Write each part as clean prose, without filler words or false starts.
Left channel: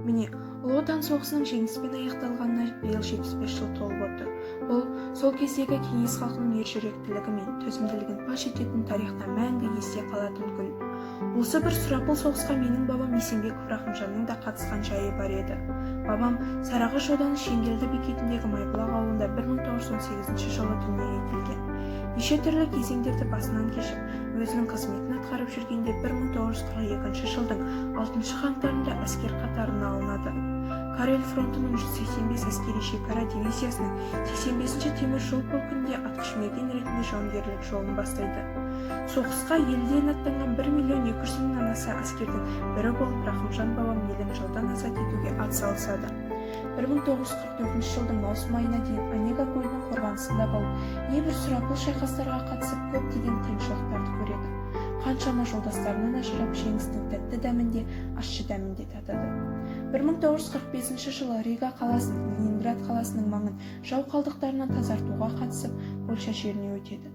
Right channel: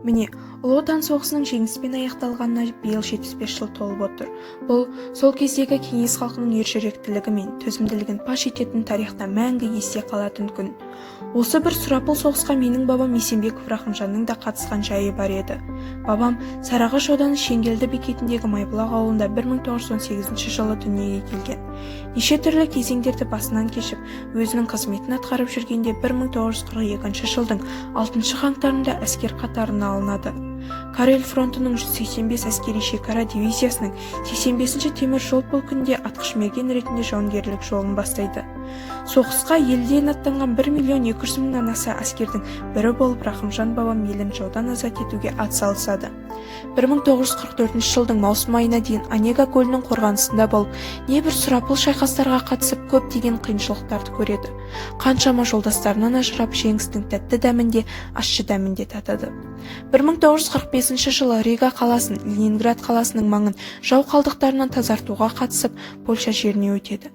Міне, Ұлы Отан соғысының жеңіспен аяқталғанына биыл 75 жыл толып отыр. Бұл сол кездегі кеңес халқының ержүректілігі мен төзімділігін паш ететін тарихта мәңгі есте қалатын күн. Осы бір сұрапыл соғысқа менің бабам Есенбеков Рахымжанның да қатысқан жайы бар еді. Бабам Сарыағаш ауданы Шеңгелді бекетіндегі Майбұлақ ауылында 1918 жылы дүниеге келген. Неше түрлі кезеңдерді басынан кешіп, өзінің қызметін атқарып жүргенде 1942 жылдың 6 қаңтарында әскер қатарына алынады. Карель фронтының 185 әскери шекара дивизиясының 85-ші темір жол полкінде атқышмерген ретінде жауынгерлік жолын бастайды. Соғысқа елден аттанған 1.200.000-нан аса әскердің бірі болып Рахымжан бабам елін жаудан азат етуге атсалысады. 1944 жылдың маусым айына дейін Онега көлінің қорғанысында болып, небір сұрапыл шайқастарға қатысып көптеген қиыншылықтарды көреді. Қаншама жолдастарынан ажырап, жеңістің тәтті дәмінде, ащы дәмінде татады. 1945 жылы Рига қаласын, Ленинград қаласының маңын жау қалдықтарынан тазартуға қатысып, Польша жеріне өтеді.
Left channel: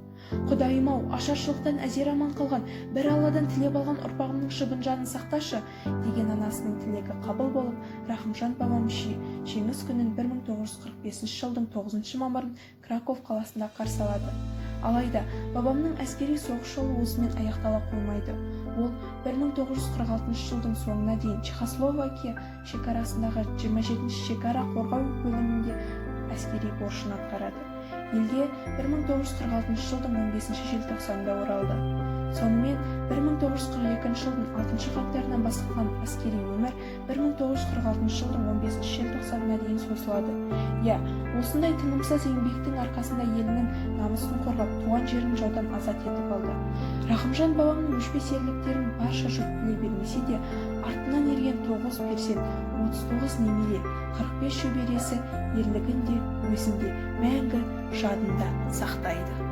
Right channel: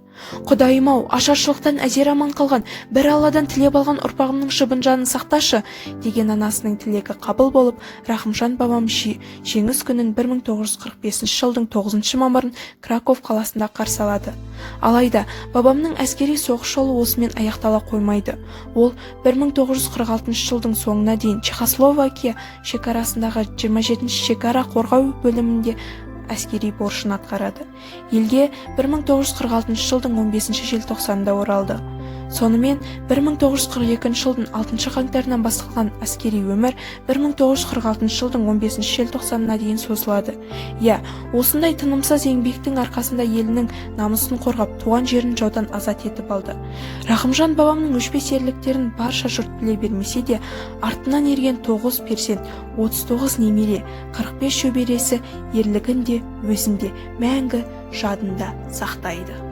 Құдайым-ау, ашаршылықтан әзер аман қалған, бір Алладан тілеп алған ұрпағымның шыбын жанын сақташы, деген анасының тілегі қабыл болып, Рахымжан бабам жеңіс күнін 1945 жылдың 9 мамырын Краков қаласында қарсы алады. Алайда, бабамның әскери соғыс жолы осымен аяқтала қоймайды. Ол 1946 жылдың соңына дейін Чехословакия шекарасындағы 27-ші шекара қорғау бөлімінде әскери борышын атқарады. Елге 1946 жылдың 15 желтоқсанында оралды. Сонымен 1942 жылдың 6 қаңтарынан басталған әскери өмір 1946 жылдың 15 желтоқсанына дейін созылады. Осындай тынымсыз еңбектің арқасында елінің намысын қорғап, туған жерін жаудан азат етіп алды. Рахымжан бабамның өшпес ерліктерін барша жұрт біле бермесе де, артынан ерген 9 перзент, 39 немере, 45 шөбересі ерлігін де өзінде мәңгі жадында сақтайды.